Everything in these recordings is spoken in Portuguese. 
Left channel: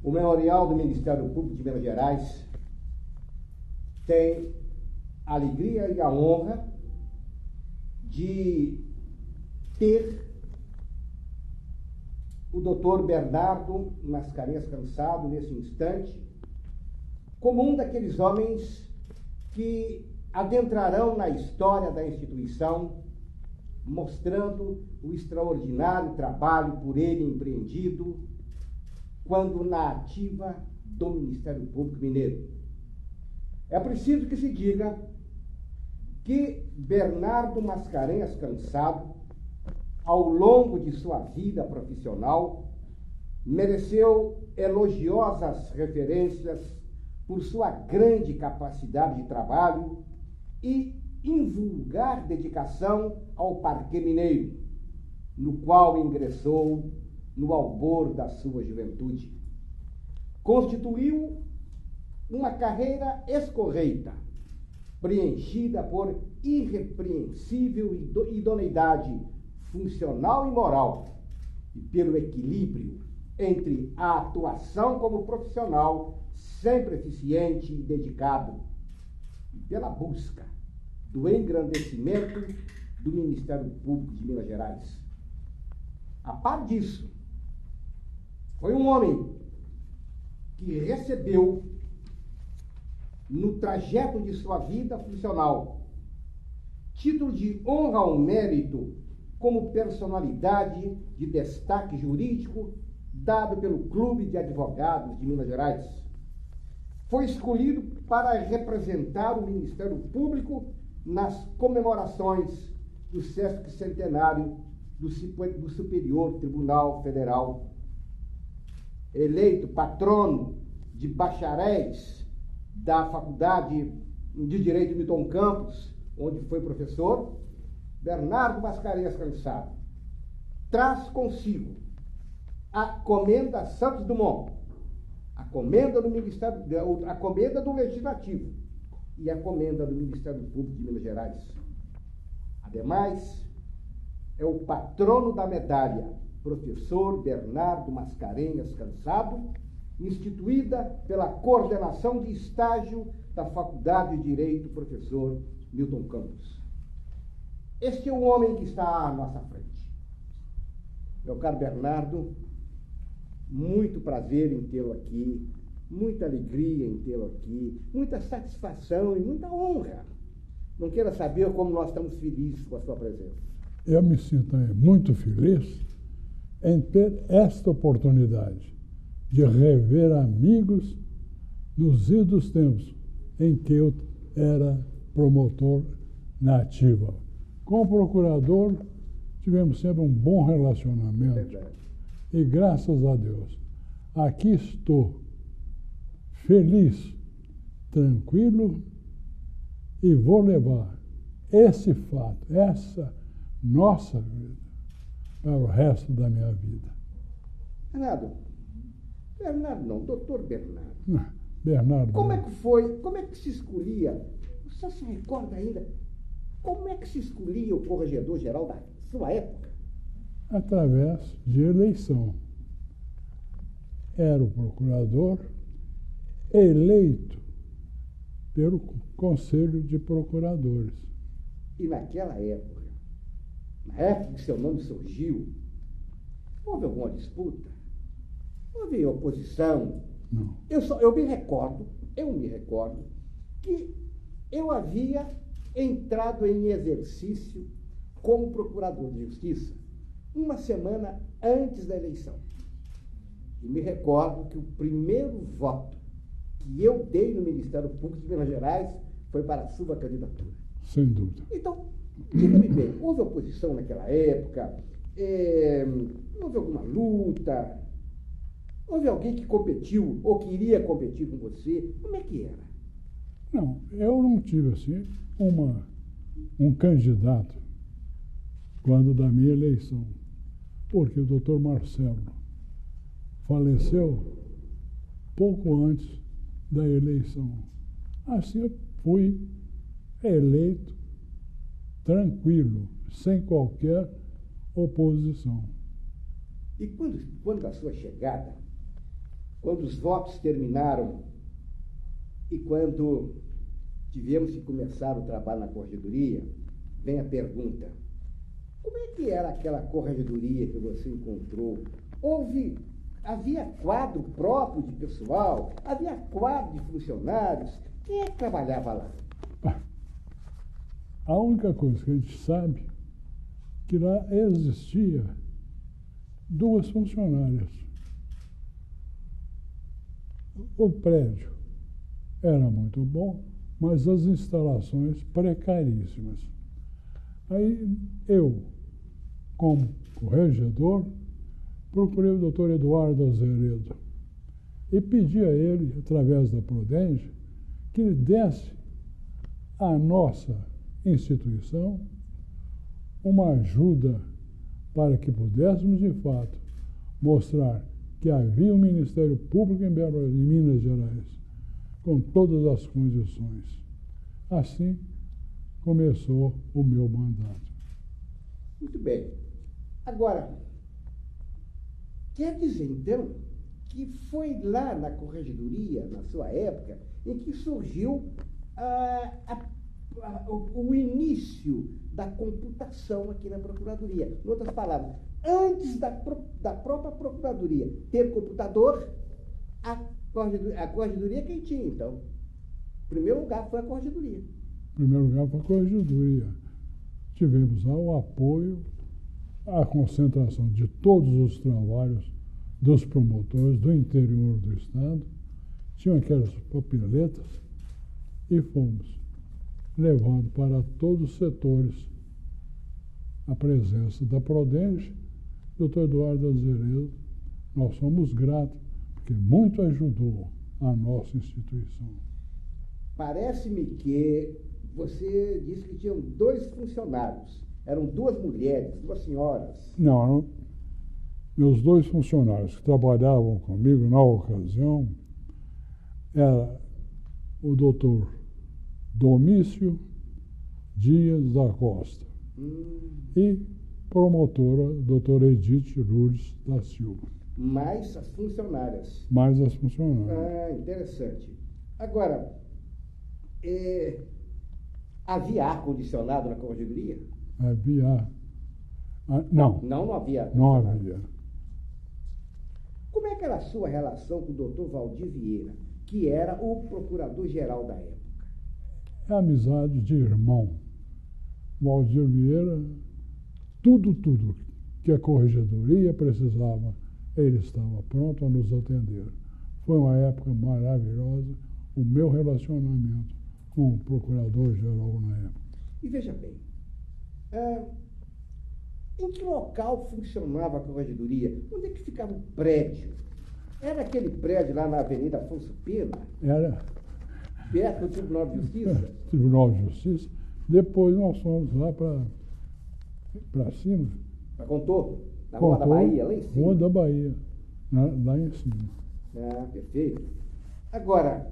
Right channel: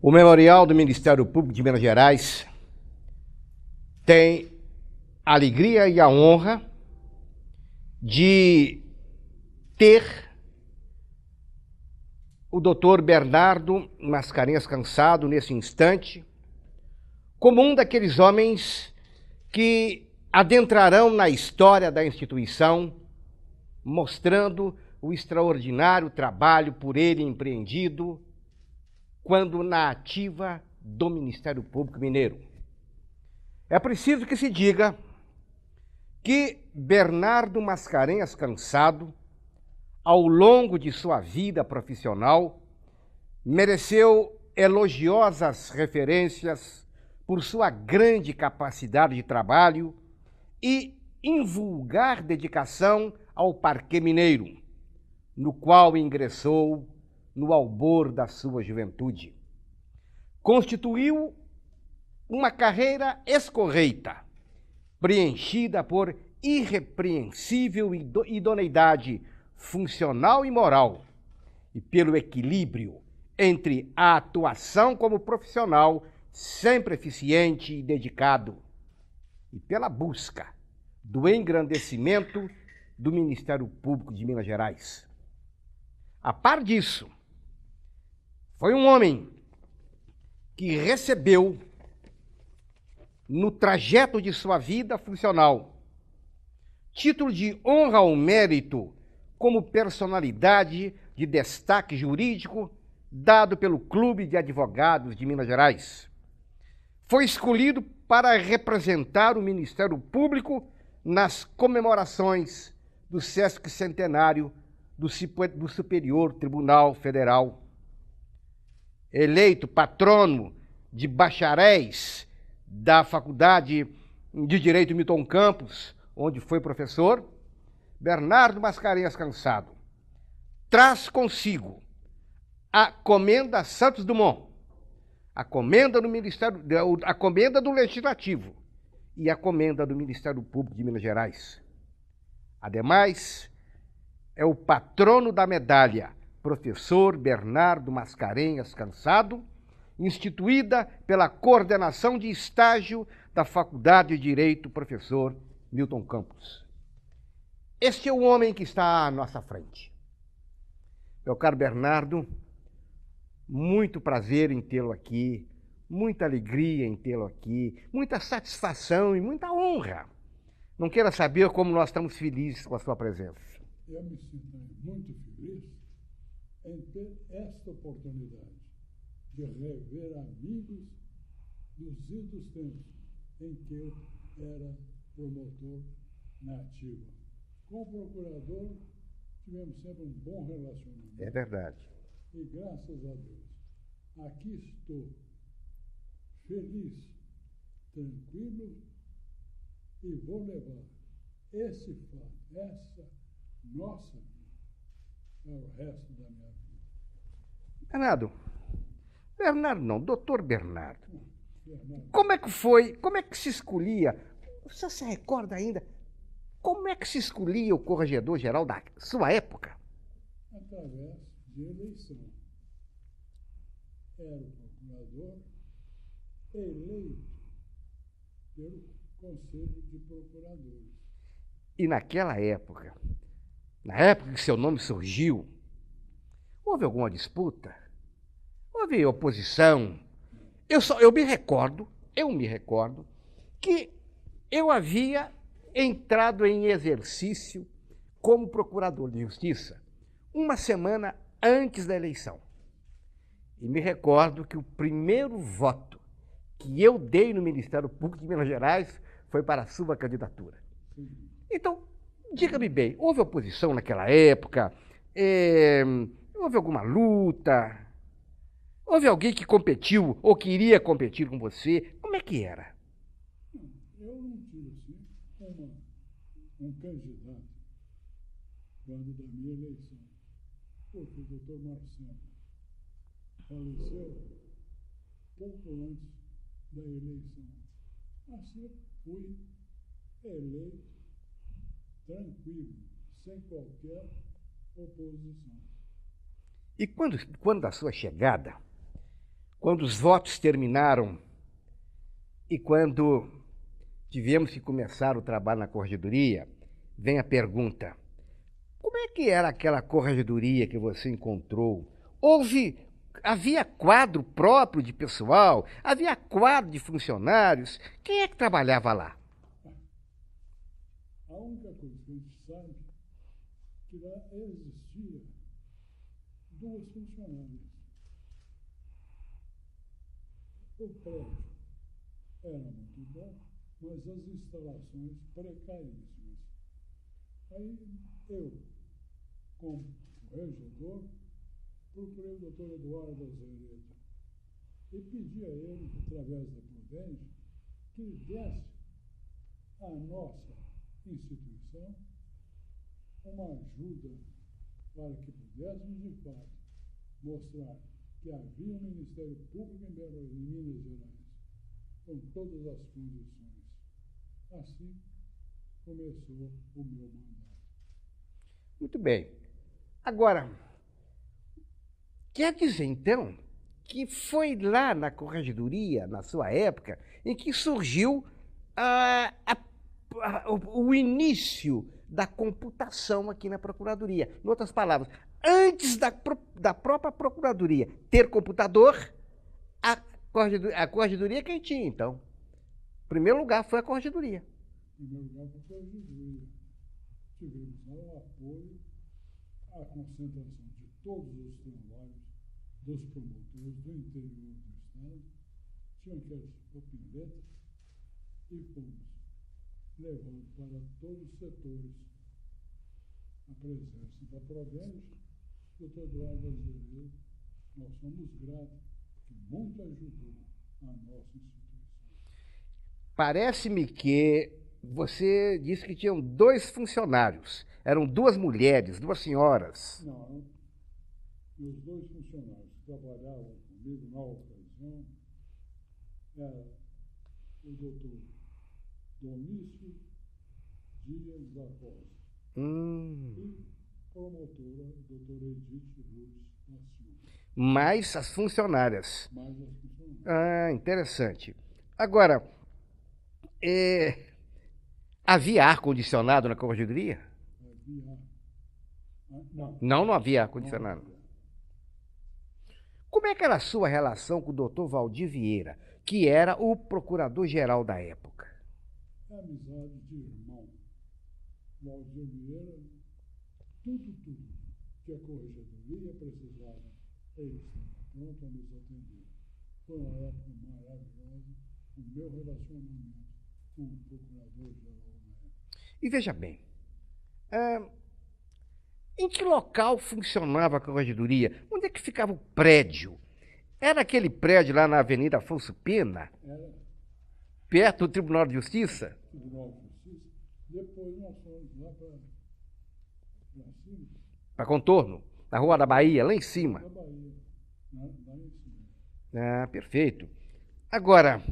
O Memorial do Ministério Público de Minas Gerais tem a alegria e a honra de ter o doutor Bernardo Mascarenhas Cansado, nesse instante, como um daqueles homens que adentrarão na história da instituição, mostrando o extraordinário trabalho por ele empreendido quando na ativa do Ministério Público Mineiro. É preciso que se diga que Bernardo Mascarenhas Cansado, ao longo de sua vida profissional, mereceu elogiosas referências por sua grande capacidade de trabalho e invulgar dedicação ao Parquê Mineiro, no qual ingressou no albor da sua juventude. Constituiu uma carreira escorreita, preenchida por irrepreensível idoneidade funcional e moral, e pelo equilíbrio entre a atuação como profissional sempre eficiente e dedicado, e pela busca do engrandecimento do Ministério Público de Minas Gerais. A par disso, foi um homem que recebeu, no trajeto de sua vida funcional, título de honra ao mérito como personalidade de destaque jurídico dado pelo Clube de Advogados de Minas Gerais. Foi escolhido para representar o Ministério Público nas comemorações do sesquicentenário do Superior Tribunal Federal. Eleito patrono de bacharéis da Faculdade de Direito Milton Campos, onde foi professor, Bernardo Mascarenhas Cansado traz consigo a Comenda Santos Dumont, a Comenda do Ministério, a Comenda do Legislativo e a Comenda do Ministério Público de Minas Gerais. Ademais, é o patrono da medalha Professor Bernardo Mascarenhas Cansado, instituída pela coordenação de estágio da Faculdade de Direito Professor Milton Campos. Este é o homem que está à nossa frente. Meu caro Bernardo, muito prazer em tê-lo aqui, muita alegria em tê-lo aqui, muita satisfação e muita honra. Não queira saber como nós estamos felizes com a sua presença. Eu me sinto muito feliz em ter esta oportunidade de rever amigos nos idos tempos em que eu era promotor na ativa. Com o procurador, tivemos sempre um bom relacionamento. É verdade. E graças a Deus, aqui estou, feliz, tranquilo, e vou levar esse fato, essa nossa vida, para o resto da minha vida. Bernardo não, doutor Bernardo. Bernardo. Como é que foi, como é que se escolhia, você se recorda ainda, como é que se escolhia o corregedor-geral da sua época? Através de eleição. Era o procurador eleito pelo Conselho de Procuradores. E naquela época, na época que seu nome surgiu, houve alguma disputa? Houve oposição? Não. Eu me recordo que eu havia entrado em exercício como procurador de justiça uma semana antes da eleição. E me recordo que o primeiro voto que eu dei no Ministério Público de Minas Gerais foi para a sua candidatura. Sem dúvida. Então, diga-me bem, houve oposição naquela época? Houve alguma luta? Houve alguém que competiu ou queria competir com você? Como é que era? Não, eu não tive assim um candidato quando da minha eleição, porque o doutor Marcelo faleceu pouco antes da eleição. Assim eu fui eleito tranquilo, sem qualquer oposição. E quando da sua chegada, Quando os votos terminaram e quando tivemos que começar o trabalho na corregedoria, vem a pergunta: como é que era aquela corregedoria que você encontrou? Havia quadro próprio de pessoal? Havia quadro de funcionários? Quem é que trabalhava lá? A única coisa que a gente sabe é que lá existia 2 funcionárias. O prédio era muito bom, mas as instalações precaríssimas. Aí eu, como corregedor, procurei o doutor Eduardo Azeredo e pedi a ele, através da Prodenge, que ele desse à nossa instituição uma ajuda para que pudéssemos, de fato, mostrar que havia um Ministério Público em Minas Gerais, com todas as condições. Assim começou o meu mandato. Muito bem. Agora, quer dizer, então, que foi lá na corregedoria, na sua época, em que surgiu o início da computação aqui na Procuradoria. Em outras palavras, antes da própria Procuradoria ter computador, a corregedoria quem tinha, então? Em primeiro lugar foi a corregedoria. Em primeiro lugar foi a corregedoria. Tivemos lá o apoio, a concentração de todos os trabalhos dos promotores do interior do Estado. Tinham aquelas papeletas e fomos levando para todos os setores a presença da Prodenge, doutor Eduardo Azeredo. Nós somos gratos, porque muito ajudou a nossa instituição. Parece-me que você disse que tinham 2 funcionários. Eram 2 mulheres, 2 senhoras. Não, meus 2 funcionários que trabalhavam comigo na ocasião era o doutor Domício Dias da Costa e promotora doutora Edith Lourdes da Silva. Mais as funcionárias. Mais as funcionárias. Ah, interessante. Agora, havia ar-condicionado na corregedoria? Havia. Não. Não havia ar-condicionado. Não havia. Como é que era a sua relação com o doutor Valdir Vieira, que era o procurador-geral da época? É amizade de irmão. Valdir Vieira, tudo que a corregedoria precisava, ele estava pronto a nos atender. Foi uma época maravilhosa, o meu relacionamento com o procurador-geral na época. E veja bem, em que local funcionava a corregedoria? Onde é que ficava o prédio? Era aquele prédio lá na Avenida Afonso Pena? Era. Perto do Tribunal de Justiça? Tribunal de Justiça. Depois nós fomos lá para cima. Para Contorno? Na Rua da Bahia, lá em cima? Rua da Bahia, lá em cima. Ah, perfeito. Agora,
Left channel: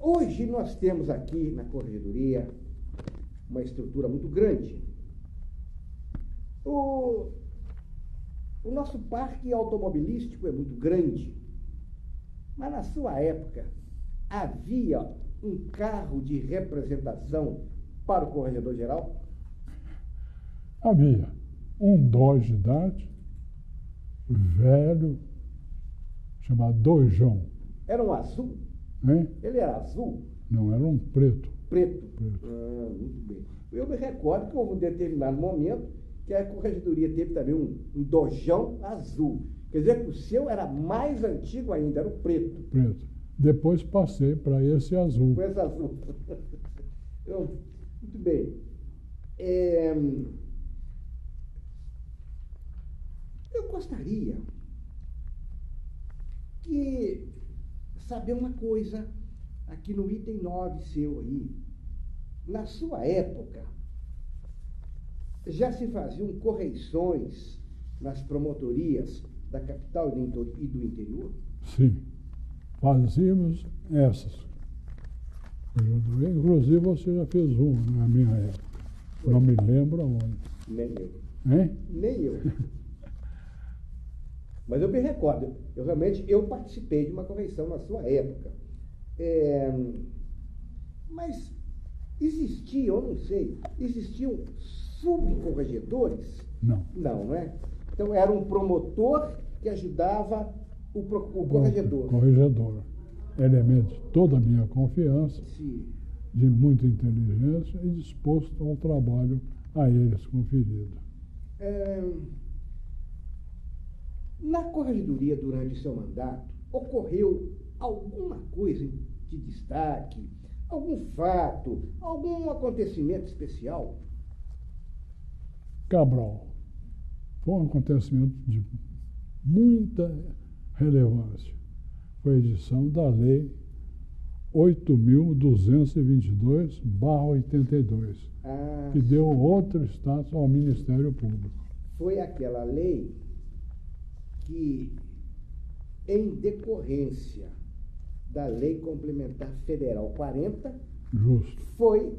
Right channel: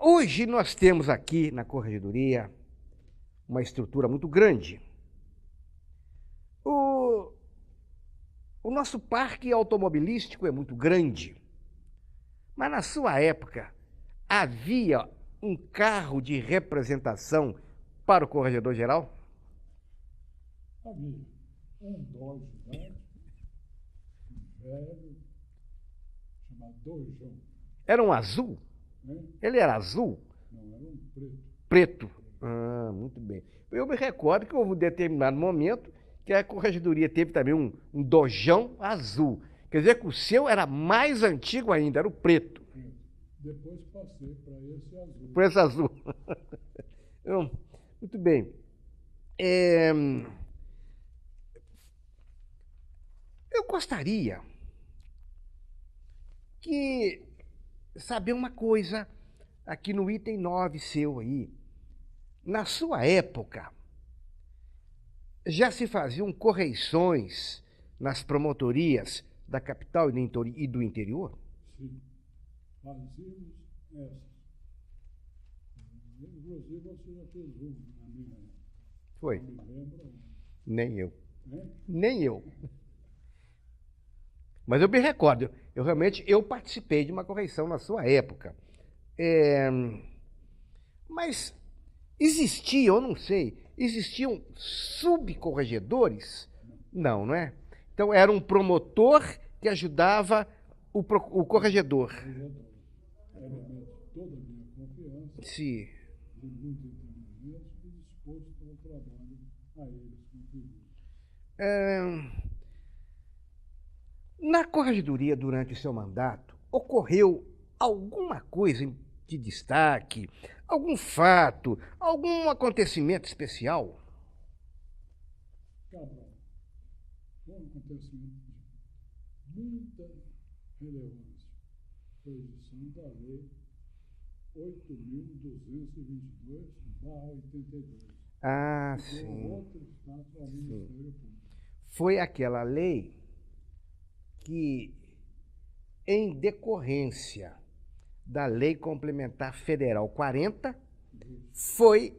hoje nós temos aqui na corregedoria uma estrutura muito grande. O nosso parque automobilístico é muito grande, mas na sua época havia um carro de representação para o corregedor-geral? Havia um Dodge Dart velho, chamado Dojão. Era um azul? Hein? Ele era azul? Não, era um preto. Preto? Ah, muito bem. Eu me recordo que houve um determinado momento que a corregedoria teve também um Dojão azul. Quer dizer que o seu era mais antigo ainda, era o preto. Preto. Depois passei para esse azul. Para esse azul. Muito bem. Eu gostaria de saber uma coisa aqui no item 9 seu aí. Na sua época, já se faziam correições nas promotorias da capital e do interior? Sim, fazíamos essas. Inclusive você já fez uma na minha época. Foi. Não me lembro aonde. Nem eu. Hein? Nem eu. Mas eu me recordo, eu realmente participei de uma correição na sua época. Mas existia, eu não sei, existiam subcorregedores? Não. Não, não é? Então era um promotor que ajudava o corregedor. O corregedor. Elemento de toda a minha confiança, Sim. de muita inteligência e disposto ao trabalho a eles conferido. Na corregedoria, durante o seu mandato, ocorreu alguma coisa de destaque, algum fato, algum acontecimento especial? Cabral, foi um acontecimento de muita relevância. Foi a edição da Lei 8.222/82, que deu outro status ao Ministério Público. Foi aquela lei que, em decorrência da Lei Complementar Federal 40, Justo. foi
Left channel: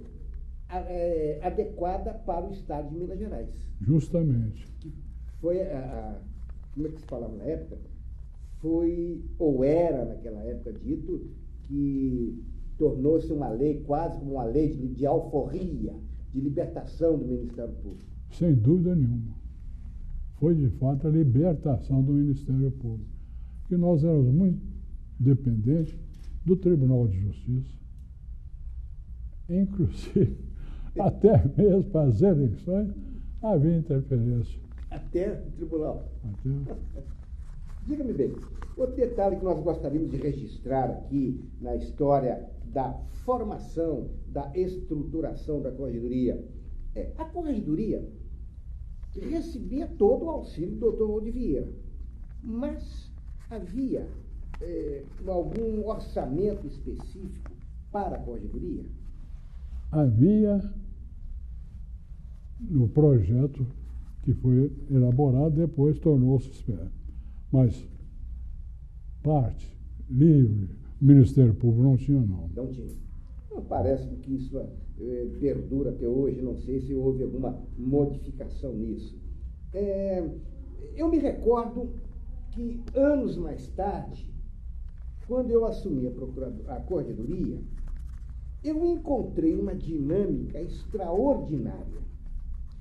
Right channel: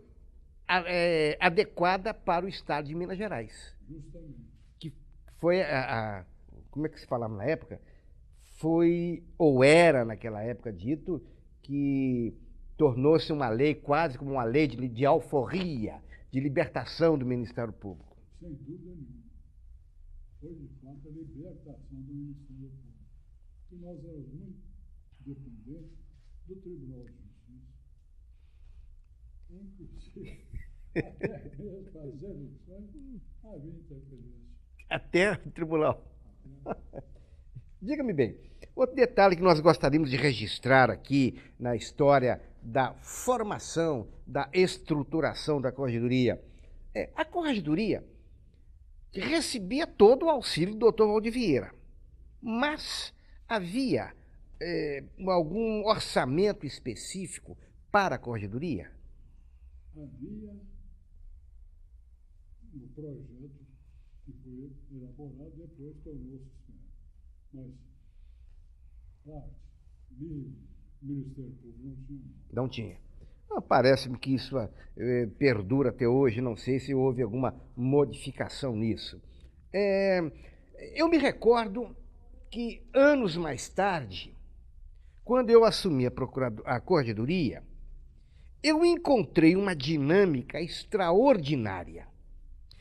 adequada para o Estado de Minas Gerais. Justamente. Que foi como é que se falava na época? Foi, ou era naquela época dito, que tornou-se uma lei quase como uma lei de alforria, de libertação do Ministério Público. Sem dúvida nenhuma. Foi, de fato, a libertação do Ministério Público. Porque nós éramos muito dependentes do Tribunal de Justiça. Inclusive, até mesmo para as eleições, havia interferência. Até o tribunal. Até... Diga-me bem, outro detalhe que nós gostaríamos de registrar aqui na história da formação, da estruturação da corregedoria. A corregedoria recebia todo o auxílio do doutor Valdir Vieira, mas havia algum orçamento específico para a corregedoria? Havia no projeto que foi elaborado, depois tornou-se esfera. Mas parte, livre, o Ministério Público não tinha, não. Não tinha. Parece-me que isso perdura até hoje, não sei se houve alguma modificação nisso. Eu me recordo que, anos mais tarde, quando eu assumi a corregedoria, eu encontrei uma dinâmica extraordinária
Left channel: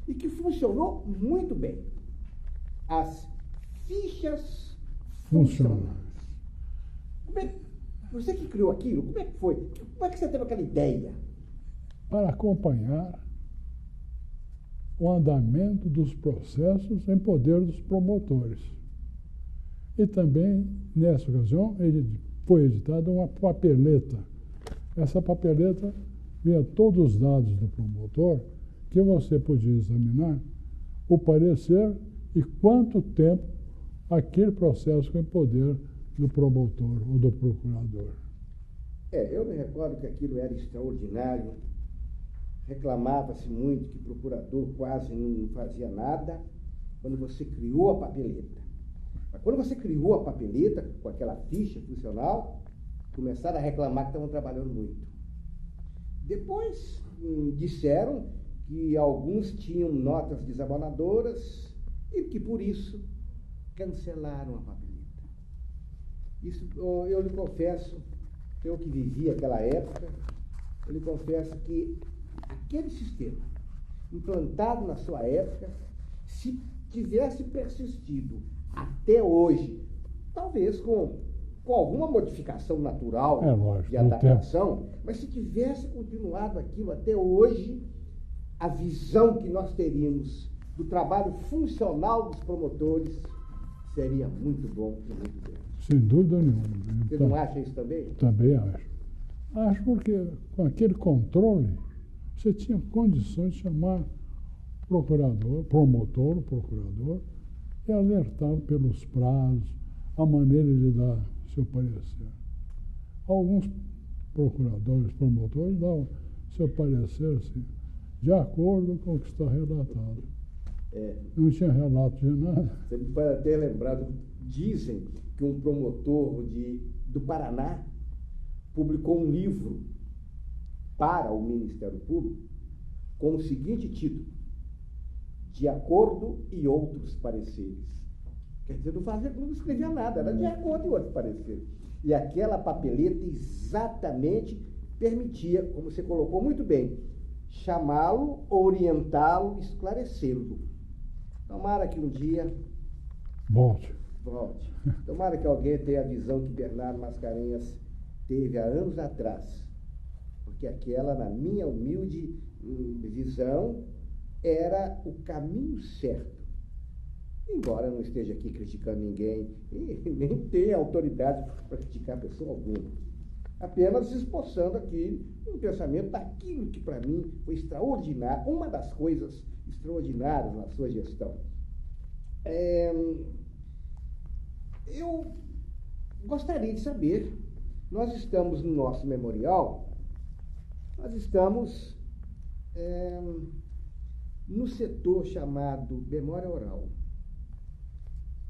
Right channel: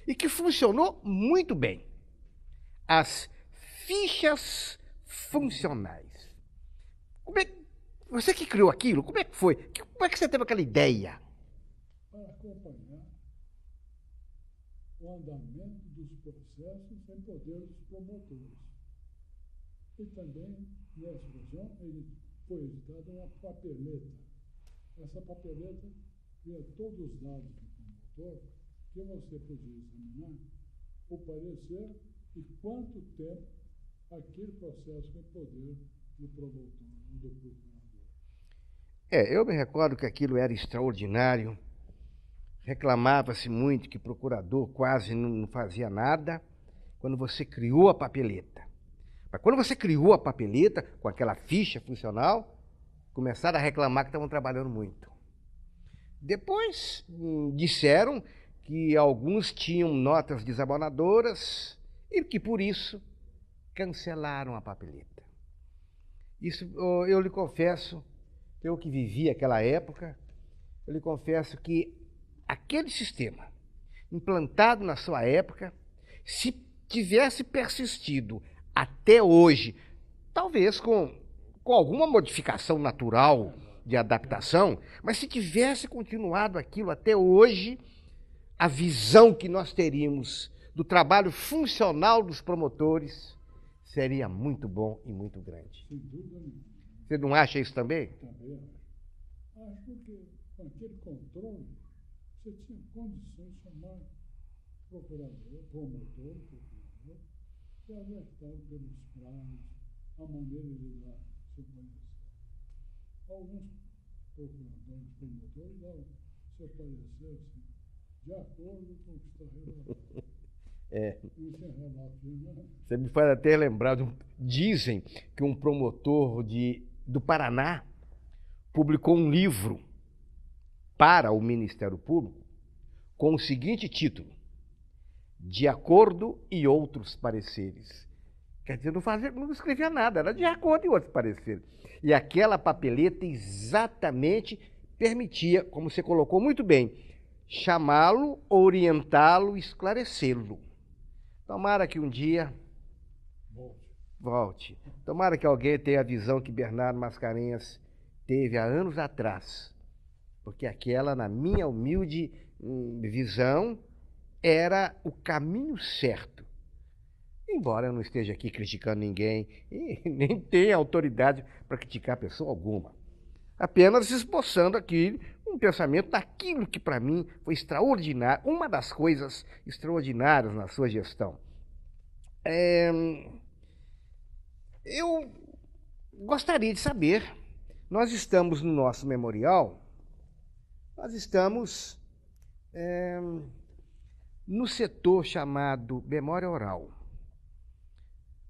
e que funcionou muito bem. As fichas funcionais. Você que criou aquilo, como é que foi? Como é que você teve aquela ideia? Para acompanhar o andamento dos processos em poder dos promotores. E também, nessa ocasião, foi editada uma papeleta. Essa papeleta vinha todos os dados do promotor que você podia examinar o parecer e quanto tempo aquele processo foi em poder do promotor ou do procurador. Eu me recordo que aquilo era extraordinário. Reclamava-se muito que o procurador quase não fazia nada quando você criou a papeleta. Mas quando você criou a papeleta, com aquela ficha funcional, começaram a reclamar que estavam trabalhando muito. Depois, disseram que alguns tinham notas desabonadoras e que, por isso, cancelaram a papeleta. Isso, eu lhe confesso, eu que vivi aquela época, eu lhe confesso que aquele sistema, implantado na sua época, se tivesse persistido até hoje, talvez com alguma modificação natural de adaptação, mas se tivesse continuado aquilo até hoje, a visão que nós teríamos do trabalho funcional dos promotores seria muito bom e muito grande. Sem dúvida nenhuma. Você não acha isso também? Também acho. Acho porque com aquele controle, você tinha condições de chamar promotor, e alertar pelos prazos, a maneira de dar seu parecer. Alguns procuradores, promotores, davam seu parecer assim, de acordo com o que está relatado. Não tinha relato de nada. Você me faz até lembrar, dizem que um promotor do Paraná publicou um livro para o Ministério Público com o seguinte título: De Acordo e Outros Pareceres. Quer dizer, não escrevia nada, era de acordo em outros pareceres. E aquela papeleta exatamente permitia, como você colocou muito bem, chamá-lo, orientá-lo, esclarecê-lo. Tomara que um dia volte. Tomara que alguém tenha a visão que Bernardo Mascarenhas teve há anos atrás. Porque aquela, na minha humilde visão, era o caminho certo. Embora eu não esteja aqui criticando ninguém, e nem tenha autoridade para criticar pessoa alguma. Apenas esboçando aqui um pensamento daquilo que para mim foi extraordinário, uma das coisas extraordinárias na sua gestão. Eu gostaria de saber, nós estamos no nosso memorial, nós estamos no setor chamado memória oral.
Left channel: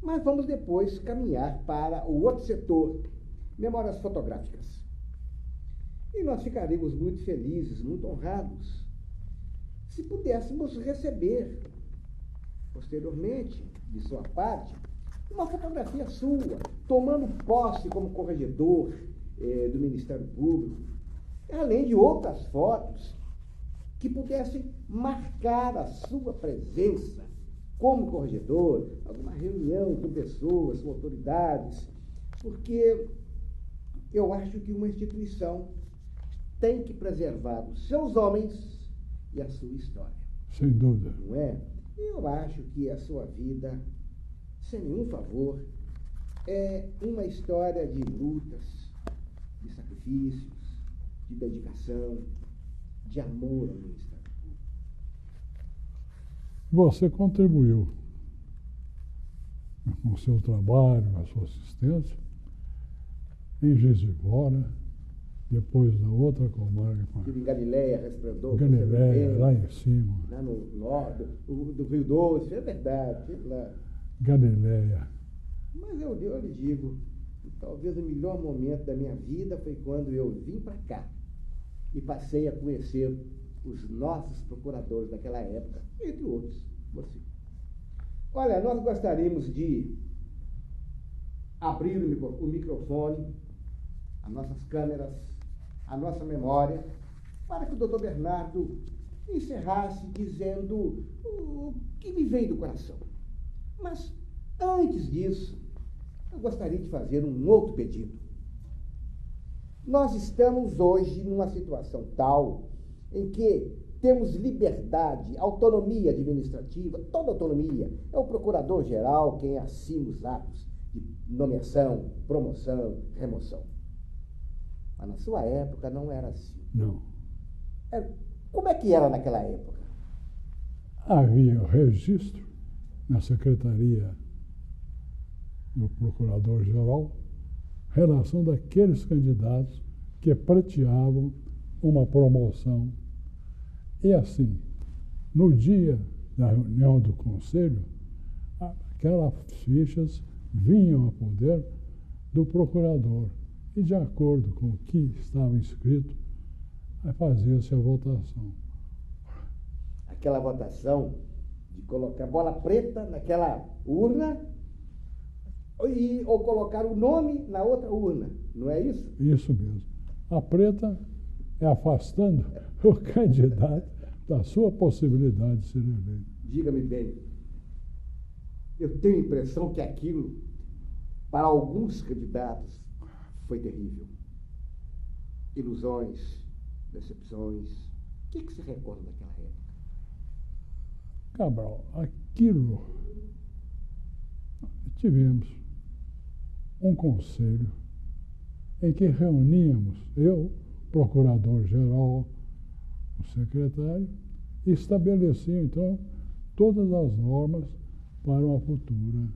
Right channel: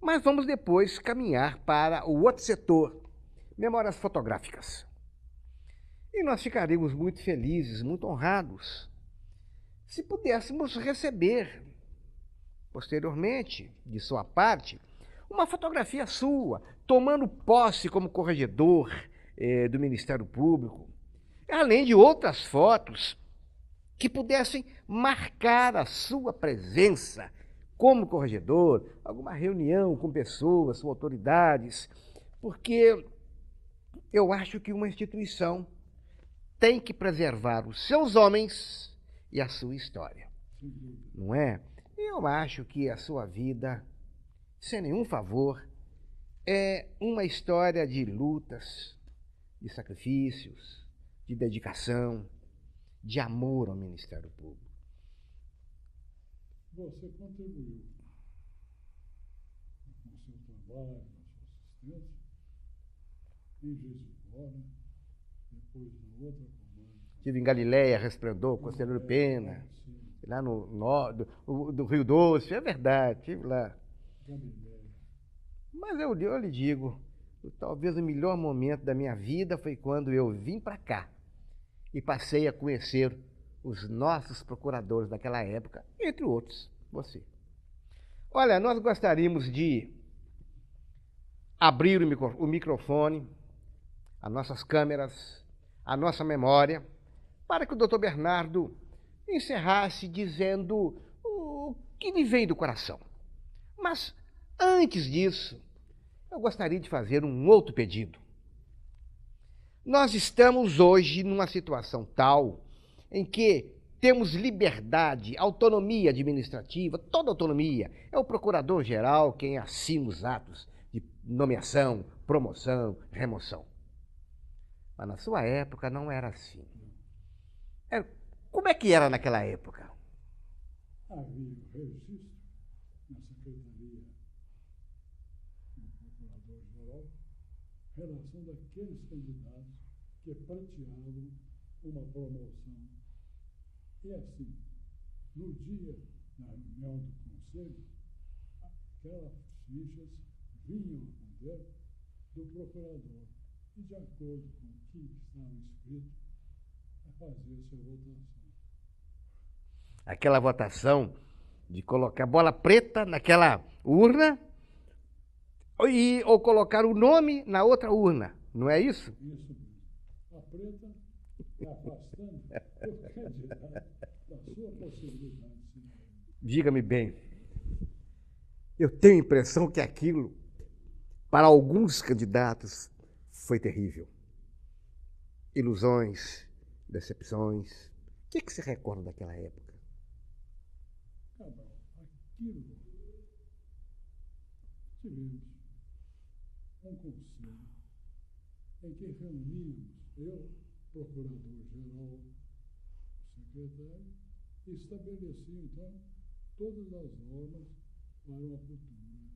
Mas vamos depois caminhar para o outro setor, memórias fotográficas. E nós ficaríamos muito felizes, muito honrados, se pudéssemos receber, posteriormente, de sua parte, uma fotografia sua, tomando posse como corregedor do Ministério Público, além de outras fotos que pudessem marcar a sua presença como corregedor, alguma reunião com pessoas, com autoridades, porque eu acho que uma instituição tem que preservar os seus homens e a sua história. Sem dúvida. Não é? Eu acho que a sua vida, sem nenhum favor, é uma história de lutas, de sacrifícios, de dedicação, de amor ao Ministério Público. Você contribuiu com o seu trabalho, com a sua assistência, em Juiz de Fora, depois na outra comarca. Estive em Galiléia, Resplendor, Galiléia, lá em cima. Lá no norte, do Rio Doce, é verdade, estive lá. Galiléia. Mas eu lhe digo, talvez o melhor momento da minha vida foi quando eu vim para cá e passei a conhecer os nossos procuradores daquela época, entre outros, você. Olha, nós gostaríamos de abrir o microfone, as nossas câmeras, a nossa memória, para que o doutor Bernardo encerrasse dizendo o que lhe vem do coração. Mas, antes disso, eu gostaria de fazer um outro pedido. Nós estamos hoje numa situação tal em que temos liberdade, autonomia administrativa, toda autonomia. É o procurador-geral quem assina os atos de nomeação, promoção, remoção. Mas na sua época não era assim. Não. Como é que era naquela época? Havia o registro na Secretaria do Procurador-Geral, relação daqueles candidatos que pleiteavam uma promoção. E assim, no dia da reunião do Conselho, aquelas fichas vinham a poder do procurador. E, de acordo com o que estava escrito, fazia-se a votação. Aquela votação de colocar bola preta naquela urna ou colocar o nome na outra urna, não é isso? Isso mesmo. A preta é afastando o candidato da sua possibilidade de ser eleito. Diga-me bem, eu tenho a impressão que aquilo, para alguns candidatos, foi terrível. Ilusões, decepções. O que você recorda daquela época? Cabral, aquilo, tivemos um conselho em que reuníamos eu, procurador-geral, o secretário, e estabelecia, então, todas as normas para uma futura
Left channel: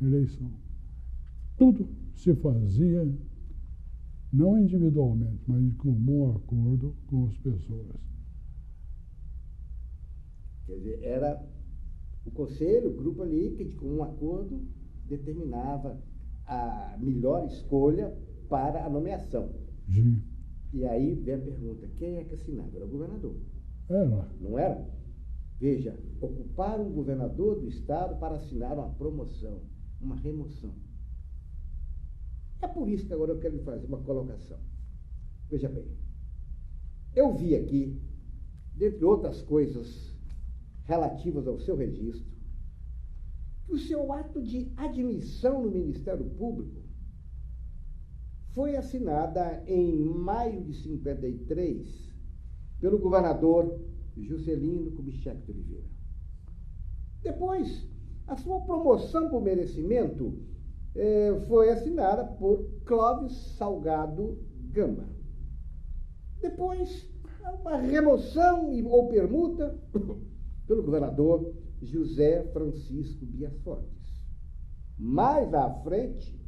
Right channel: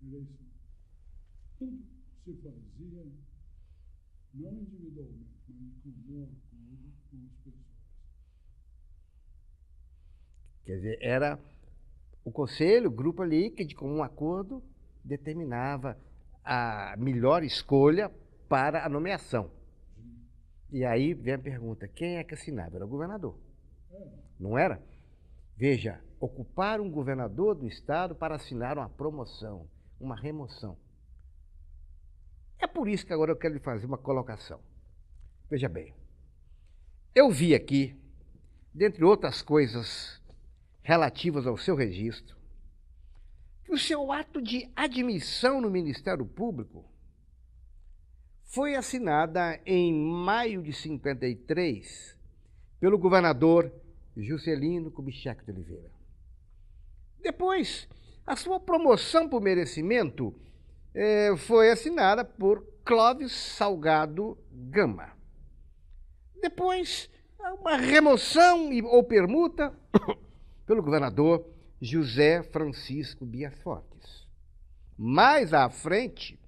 eleição. Tudo se fazia, não individualmente, mas de comum acordo com as pessoas. Quer dizer, era o conselho, o grupo ali, que de comum acordo determinava a melhor escolha para a nomeação. Sim. E aí vem a pergunta, quem é que assinava? Era o governador. Era. Não era? Veja, ocupar um governador do estado para assinar uma promoção, uma remoção. É por isso que agora eu quero lhe fazer uma colocação. Veja bem, eu vi aqui, dentre outras coisas relativas ao seu registro, que o seu ato de admissão no Ministério Público foi assinada em maio de 53 pelo governador Juscelino Kubitschek de Oliveira. Depois, a sua promoção por merecimento foi assinada por Clóvis Salgado Gama. Depois, uma remoção ou permuta pelo governador José Francisco Bias Fortes. Mais à frente,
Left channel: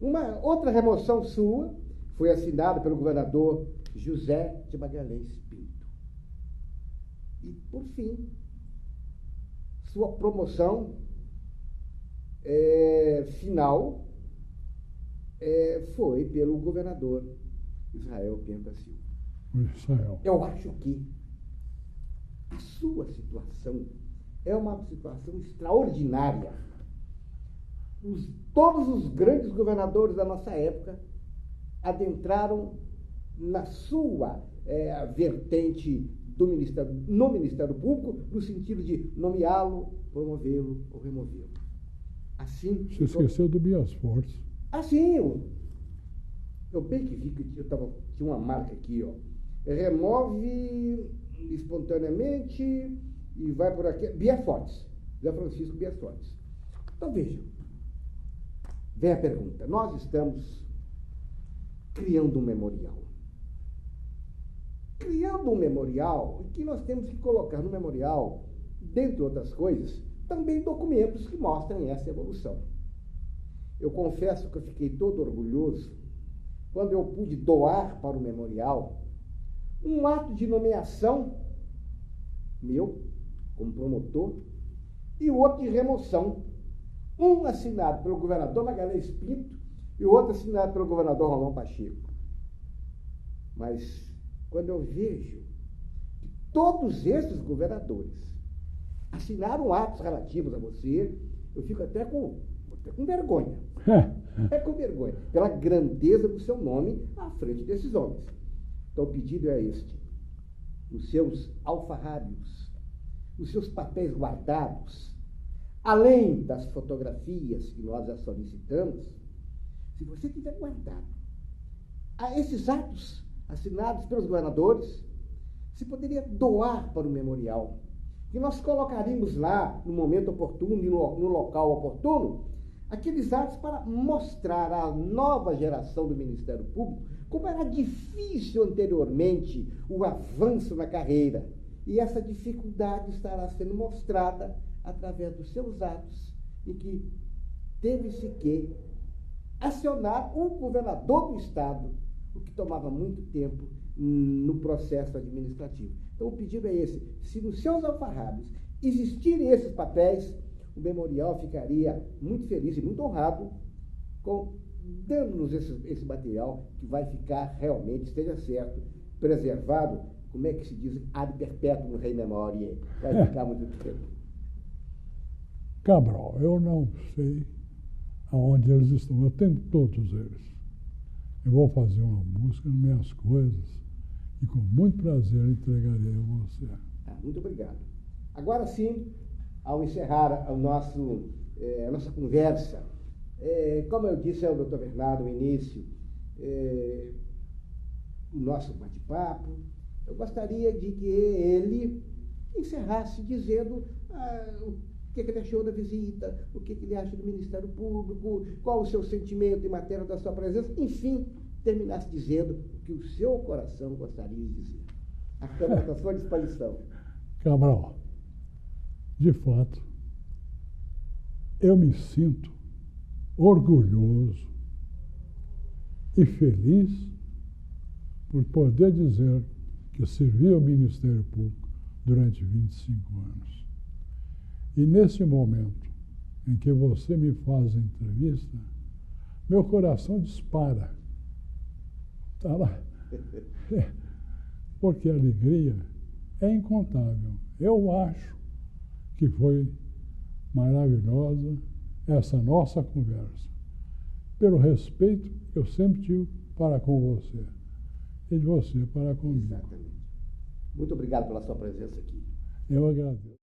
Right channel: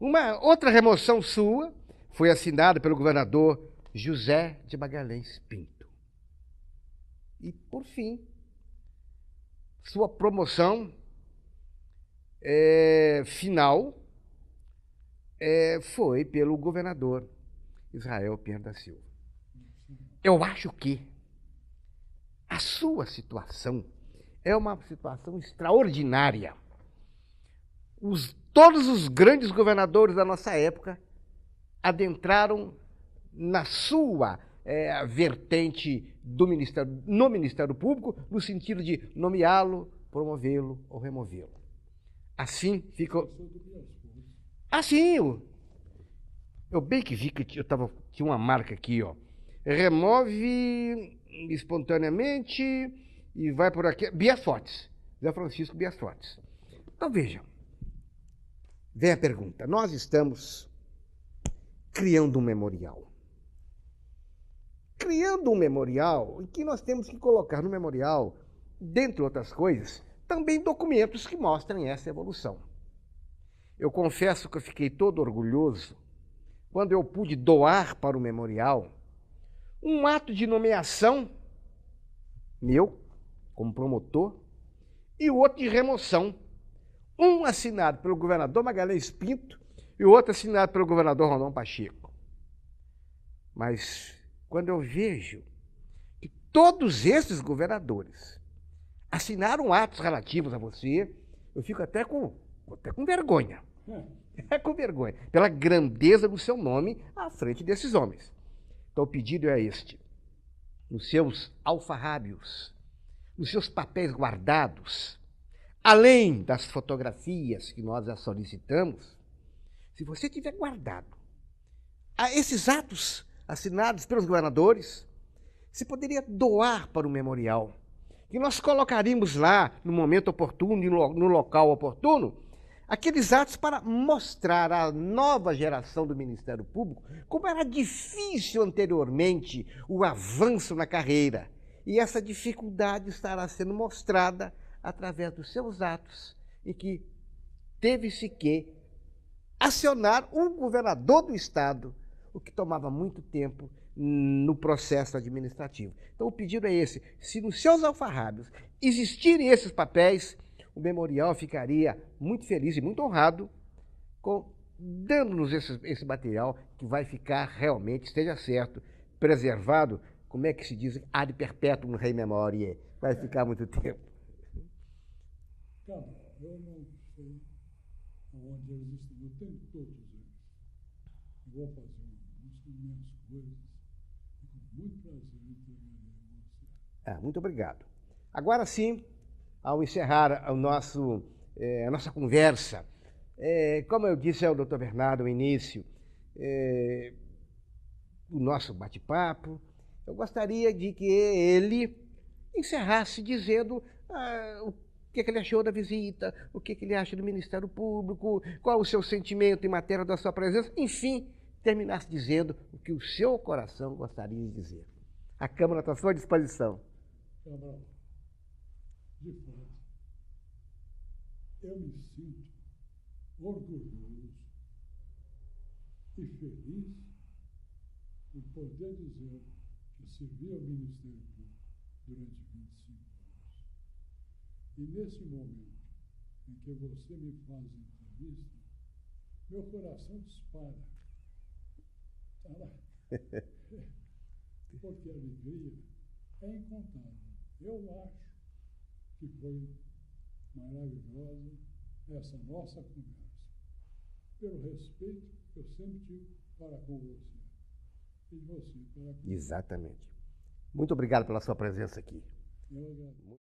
uma outra remoção sua foi assinada pelo governador José de Magalhães Pinto. E, por fim, sua promoção final foi pelo governador Israel Pinheiro da Silva. Eu acho que a sua situação é uma situação extraordinária. Todos os grandes governadores da nossa época adentraram na sua vertente no Ministério Público, no sentido de nomeá-lo, promovê-lo ou removê-lo. Assim ficou. Esqueceu do Bias Fortes. Assim, eu bem que vi que tinha uma marca aqui, ó. Remove espontaneamente e vai por aqui. Bias Fortes. Zé Francisco Bias Fortes. Então, veja. Vem a pergunta. Nós estamos criando um memorial. Criando um memorial, e que nós temos que colocar no memorial, dentre outras coisas, também documentos que mostrem essa evolução. Eu confesso que eu fiquei todo orgulhoso quando eu pude doar para o memorial um ato de nomeação meu, como promotor, e o outro de remoção. Um assinado pelo governador Magalhães Pinto e o outro assinado pelo governador Rolão Pacheco. Mas quando eu vejo que todos esses governadores assinaram atos relativos a você, eu fico até com vergonha. É com vergonha, pela grandeza do seu nome à frente desses homens. Então o pedido é este: nos seus alfarrábios, nos seus papéis guardados, além das fotografias que nós já solicitamos, se você tiver guardado esses atos assinados pelos governadores, você poderia doar para o memorial, que nós colocaríamos lá no momento oportuno e no local oportuno, aqueles atos para mostrar à nova geração do Ministério Público como era difícil anteriormente o avanço na carreira. E essa dificuldade estará sendo mostrada através dos seus atos, e que teve-se que acionar o governador do estado, o que tomava muito tempo no processo administrativo. Então o pedido é esse: se nos seus alfarrábios existirem esses papéis, o memorial ficaria muito feliz e muito honrado dando-nos esse material, que vai ficar realmente, esteja certo, preservado, como é que se diz, ad perpetuum rei memoriae, vai ficar muito tempo. Cabral, eu não sei aonde eles estão, eu tenho todos eles. Eu vou fazer uma busca nas minhas coisas e com muito prazer entregarei a você. Muito obrigado. Agora sim, ao encerrar a nossa conversa, como eu disse ao Dr. Bernardo no início, o nosso bate-papo, eu gostaria de que ele encerrasse dizendo o que ele achou da visita, o que ele acha do Ministério Público, qual o seu sentimento em matéria da sua presença, enfim, terminasse dizendo o que o seu coração gostaria de dizer. A Câmara está à sua disposição. Cabral, de fato, eu me sinto orgulhoso e feliz por poder dizer que servi ao Ministério Público durante 25 anos. E nesse momento em que você me faz a entrevista, meu coração dispara. Tá lá. Porque a alegria é incontável, Eu acho que foi maravilhosa essa nossa conversa, pelo respeito que eu sempre tive para com você e de você para comigo. Exatamente. Muito obrigado pela sua presença aqui. Eu agradeço.